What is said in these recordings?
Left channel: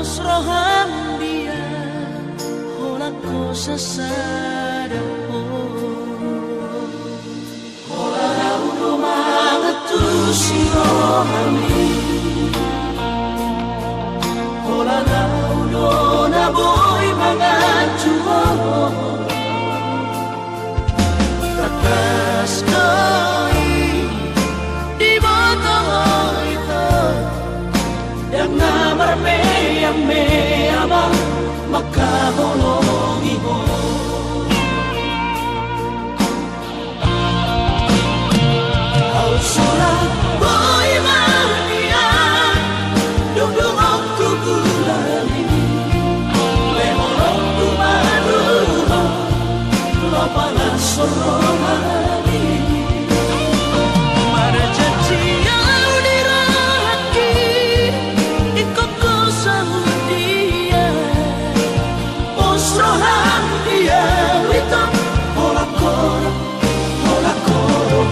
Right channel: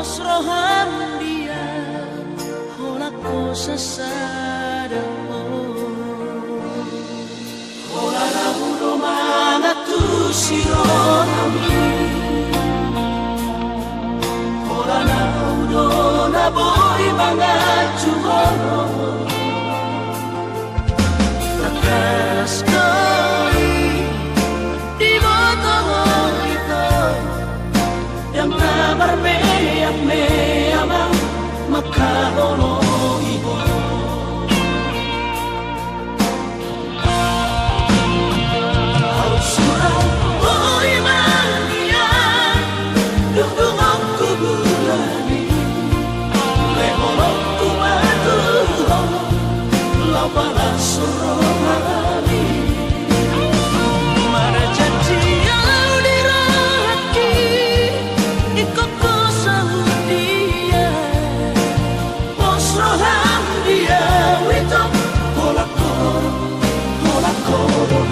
Osrohan dia hola cosa sada hola lauro mana tu sirohami hola lauro na boy mga chuho takas koi di botongo ito yang namarme yang me amang makahologi mo au surah boy mania dudung aku bulani lehorok tumadu lo para sorohani marjanji au dirahaki ikoko saudia osrohan dia wito pola koro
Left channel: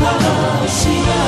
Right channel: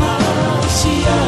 hasia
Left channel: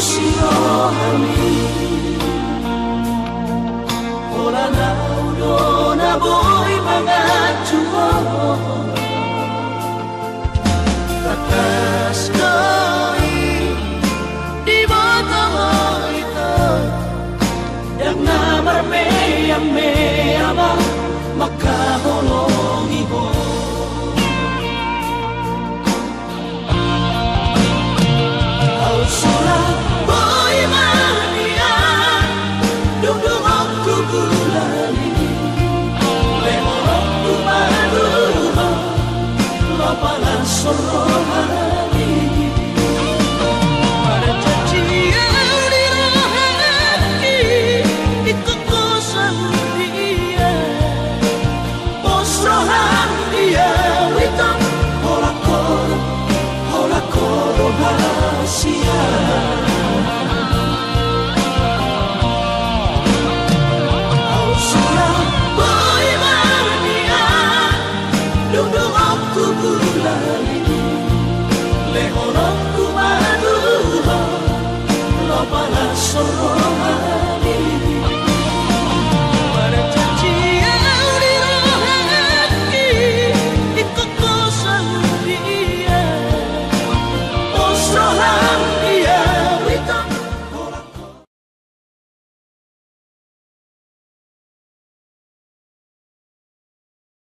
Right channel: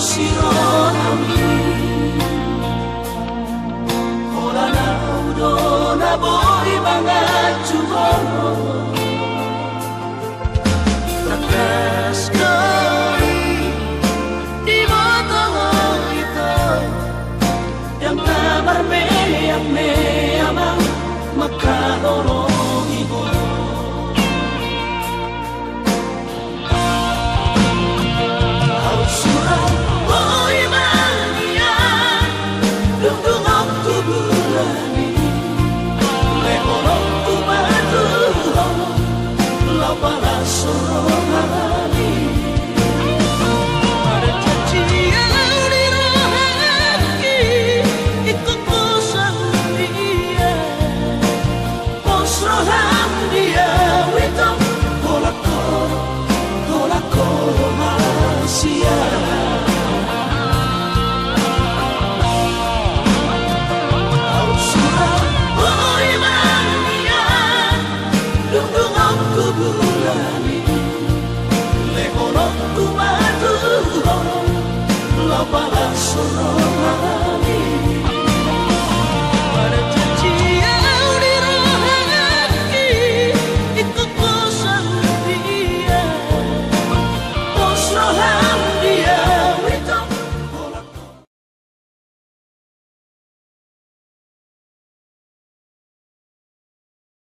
sirohami hola naudo na boy mga chuho takas koi di botongo ito yang namarme yang me amang maka